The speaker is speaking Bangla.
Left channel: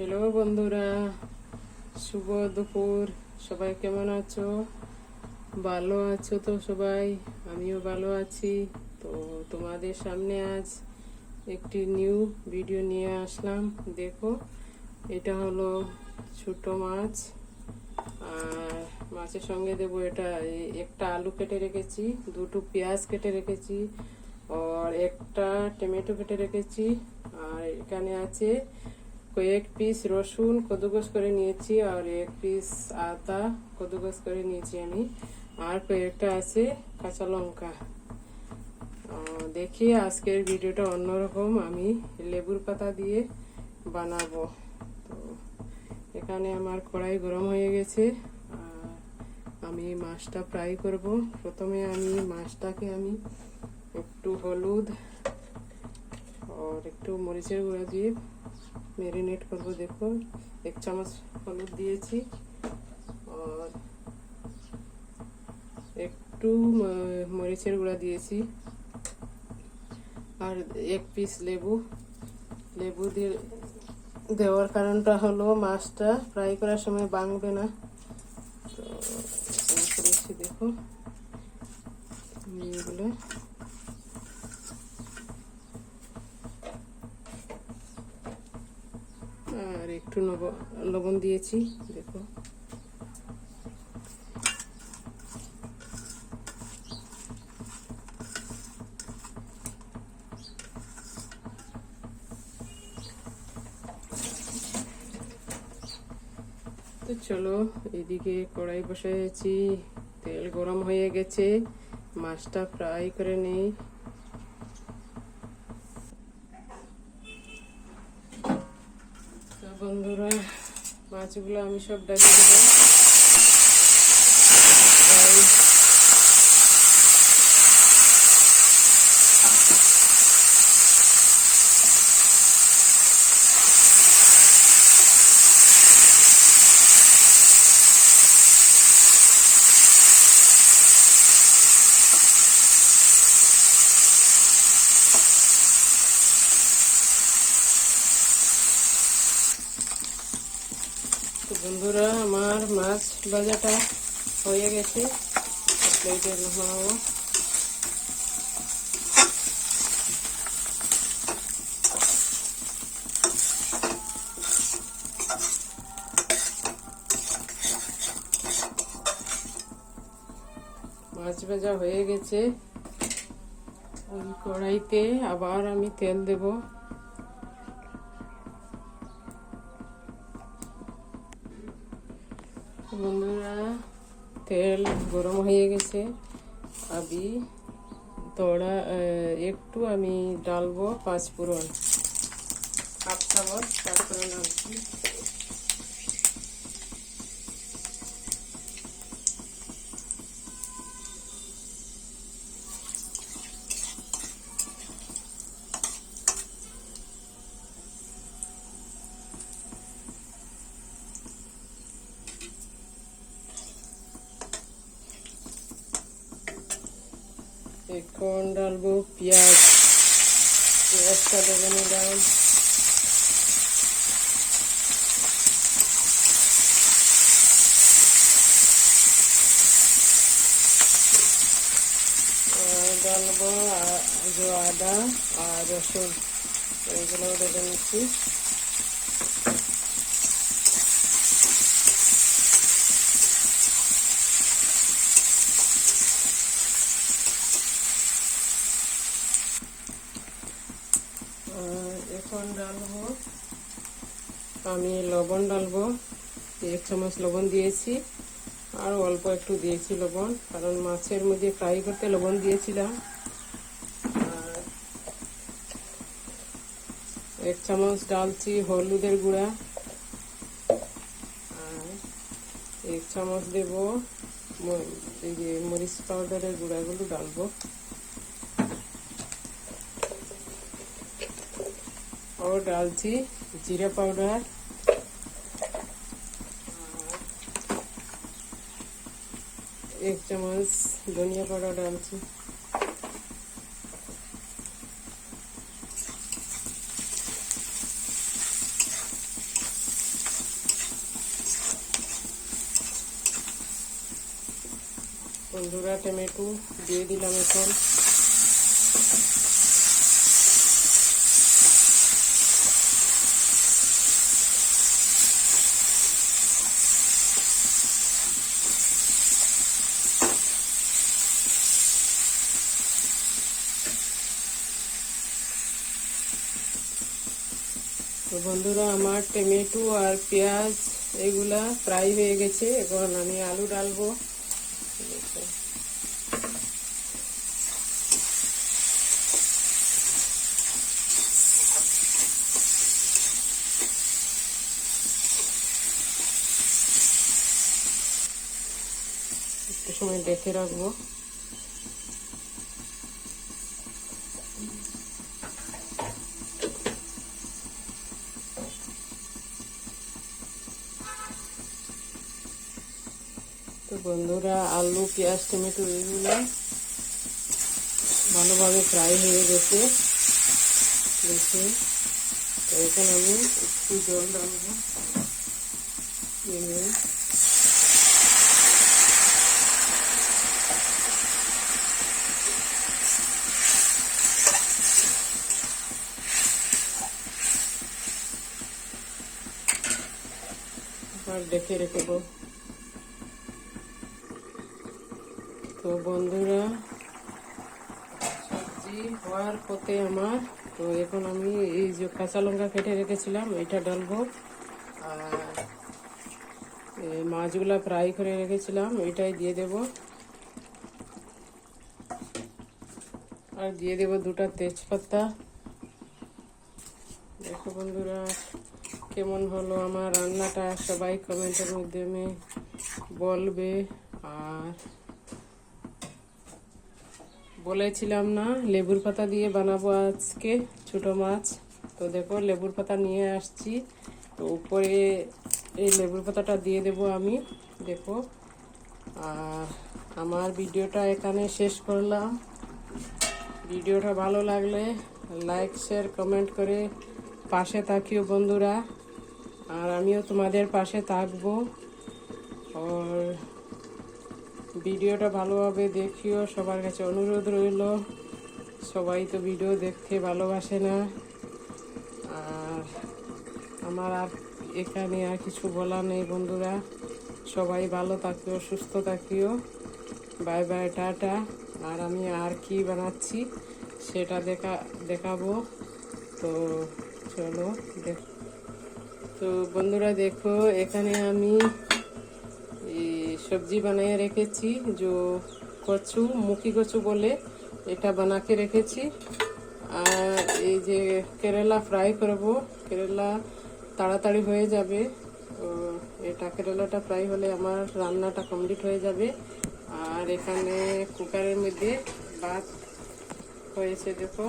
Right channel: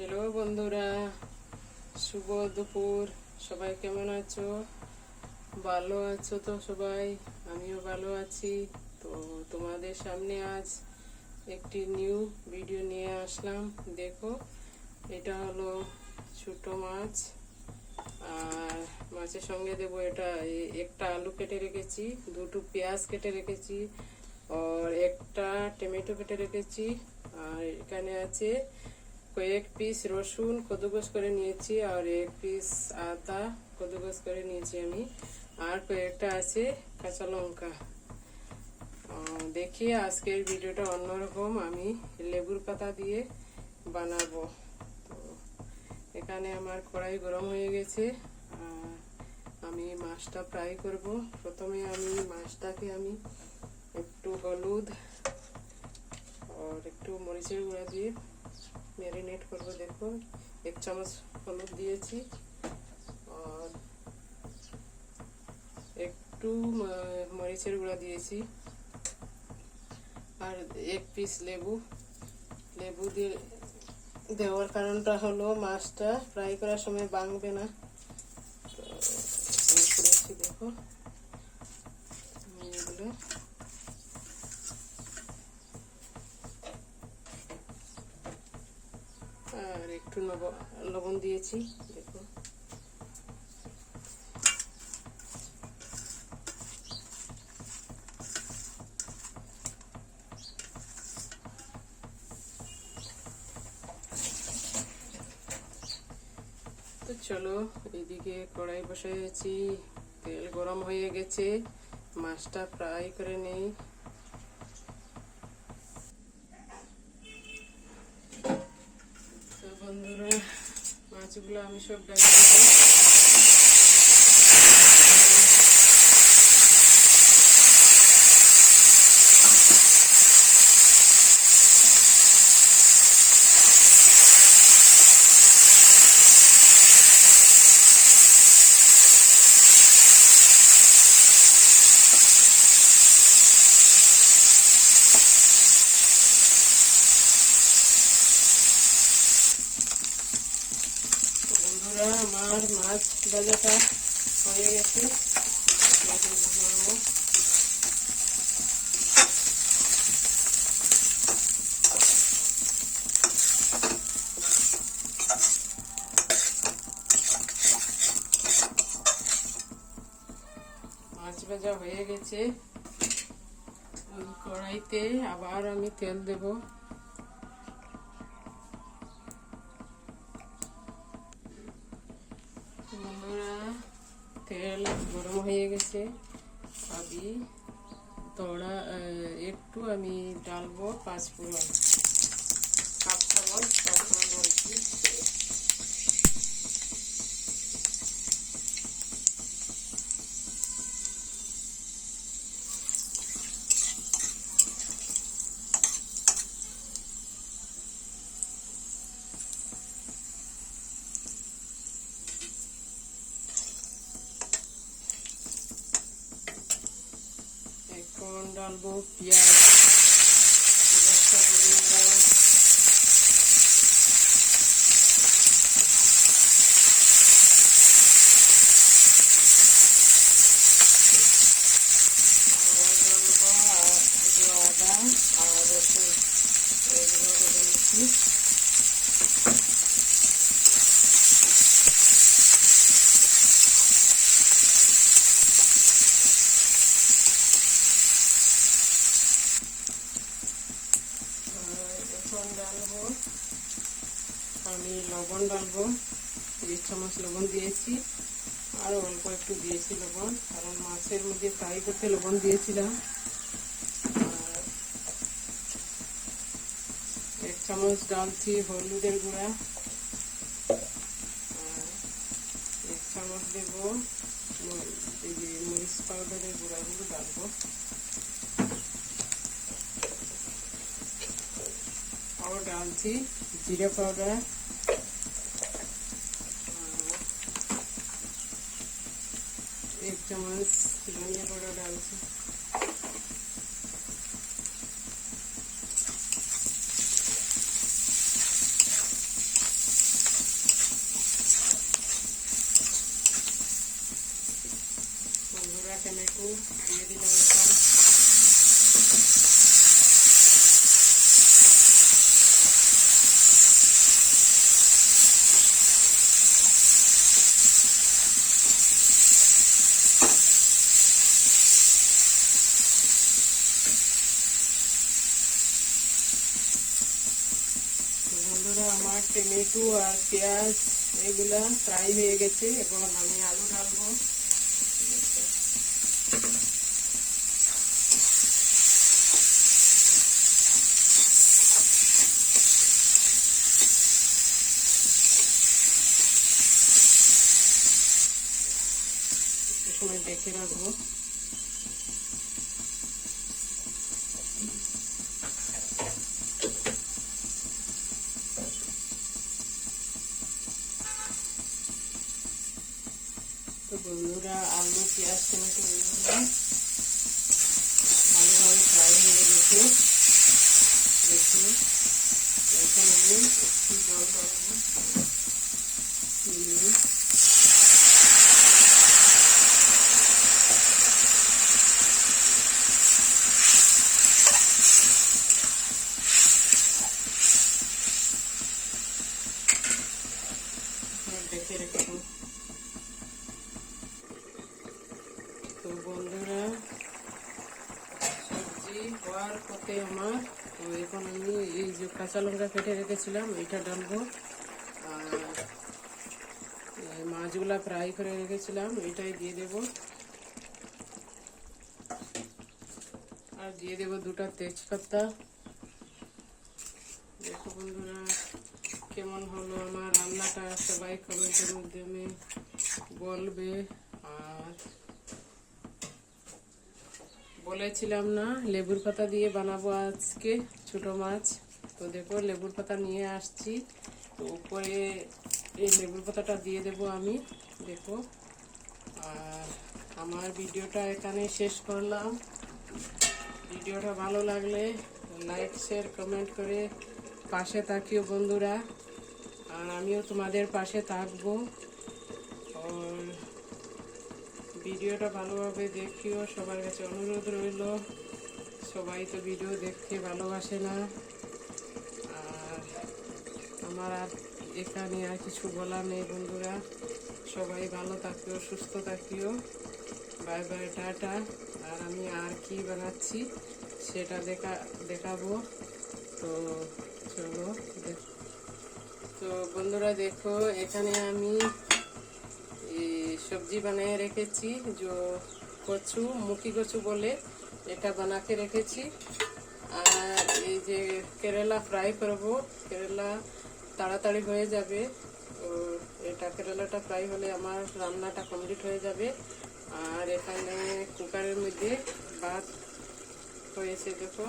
হ্যালো বন্ধুরা, শুভ দুপুর। সবাই কেমন আছো? ভালো আছো তো সবাই? আমিও ভালো আছি। তো তোমাদের সামনে আজ একটি নিউ ভিডিও নিয়ে আসলাম। দেখো, এটা হলো ছোট মাছ, আর মাছের সঙ্গে দেবো এটা একটা আলু কেটে রেখেছি, দুটো পেঁয়াজ কেটে রেখেছি, আর একটা টমেটো কেটে রেখেছি, আর এখানে আছে কয়েক পিস রসুন কদুকস করে নিয়েছি, আর এক পিস আদা কদুকস করে নিয়েছি আমি, আর কয়েকটা আছে কাঁচা লঙ্কা। দেখি আজকের ভিডিওটা অন্যরকম, আমি লেবুর পাতা দিয়ে বানাবো। তো এখানে আমার কড়াই গরম হয়ে গেছে, আর আমি মাছটা ফ্রাই করব। প্রথমে আমি মাছটাকে একটু হলুদ আর একটু মরিচের গুঁড়া দিয়ে ম্যারিনেট করবো। দেখো, 1 চামচ হলুদ দিয়েছি, আর একটু মরিচের গুঁড়া দিয়েছি, আর 1 পিস লেবু দিয়ে দেওয়ার কারণটা হলো মাছটা ফ্রাই করার সময় ভাঙবে না। তো করেছি, দেখো এগুলো। আর একটু লবণ দিয়েছি, দেখো। তো চলো, এইদিকে কড়াই বসাইছি, তেল গরম হয়ে গেছে, মাছটা ফ্রাই করে নেই। বন্ধুরা, মাছগুলো আমি সব ডালিয়ে দেবো। বন্ধুরা, আমার মাছ ভাজাটা হয়ে গেছে, প্লেটে নামাবো। মাছ ভাজা হয়ে গেছে, ওই কড়াইতে আবার আমি তেল দেব। বন্ধুরা, তেল গরম হয়ে গেছে, একটু আমি ডালবো 5 ফোড়ন, 1/2 চামচ 5 ফোড়ন ডালছি। এখন ডালবো পেঁয়াজটা দেবো না ডাল। ডালবো আদা আর রসুন, এগুলো দেবো নিচ্ছি। এখন ডালবো আমি লবণ, ডালবো 1 চামচ লবণ দিয়েছি, আর অল্প একটু দিয়েছি লবণ, কারণ মাছের মধ্যে ফ্রাই করতে লবণ দিয়েছিলাম। আর 1 চামচ ডালছি হলুদের গুঁড়া, আর 1 চামচ দেব এই যে মরিচ পাউডারের গুঁড়াগুলো ডালবো, ও ডালছি জিরা পাউডার, 1 চামচ ধনিয়া পাউডার ডালছি। বন্ধুরা টমেটো দিয়ে দিলাম এখন। তো বন্ধুরা আমার টমেটো আর পেঁয়াজ এগুলা ফ্রাই হয়ে গেছে, এখন আমি আলু ডালবো। একটু সময় দেখে রাখবো। তো বন্ধুরা আলু পেঁয়াজ টমেটো এগুলো ভালোভাবে ফ্রাই হয়ে গেছে দেখে। তো এখন আমি একটু জল ডালবো। দেখে রেখেবো। তো বন্ধুরা সবজি হওয়ার পথে আমার, তো এখন আমি এই যে কাঁচা লঙ্কা কেটে রেখেছিলাম এটা ডালবো, আর এই মাছগুলা ফ্রাই করে রেখেছিলাম এটাই দিয়ে দেব, আর দিয়ে দেব 2টা তেজপাতা। দেখো বন্ধুরা কেমন হলো আমার রান্নাটা, সবাই কমেন্টের মাধ্যমে বলবে। আর বলেছিলাম না লেবুর পাতা দিয়ে বানাবো আজকে ছোট মাছ, তো দেখো লেবুর পাতা নিয়ে আসছি। তো উপরে এই লেবুর পাতাটা দিয়ে দেব আমি, দেখো। আর আমার ভিডিওটা এখানে শেষ করলাম। ভিডিওটা ভালো লাগলে লাইক শেয়ার কমেন্ট করে পাশে থাকিও বন্ধুরা, আর আমিও তোমাদের পাশে থাকবো। আর ভিডিওটা ভালোভাবে দেখিও, সবার কাছে অনুরোধ রইল। সবাই তো ভিডিও দেখতে ভালোবাসে না। আর আমার আর এখানে আর কিছু বলার নেই বন্ধুরা। সবাই ভালো থাকিও, সুস্থ থাকিও। Bye bye, tata. আর আমি আর কি বানাচ্ছি সেটা দেখাবো। তো চলো তো বন্ধুরা দেখো এখানে আমি সবজি বানিয়ে রেখেছি, যে কচু মুখি কচু বলে এটা বানাকে রেখেছি। আর এই যে কেরালা ফ্রাই করব, কেরালা তাড়াতাড়ি হয়ে যাবে। তো এটা কেরালাটা ফ্রাই হলে আমার রান্নাটা কমপ্লিট হয়ে যাবে। আর এখানে কুকারের মধ্যে ভাত হয়েছে দেখো,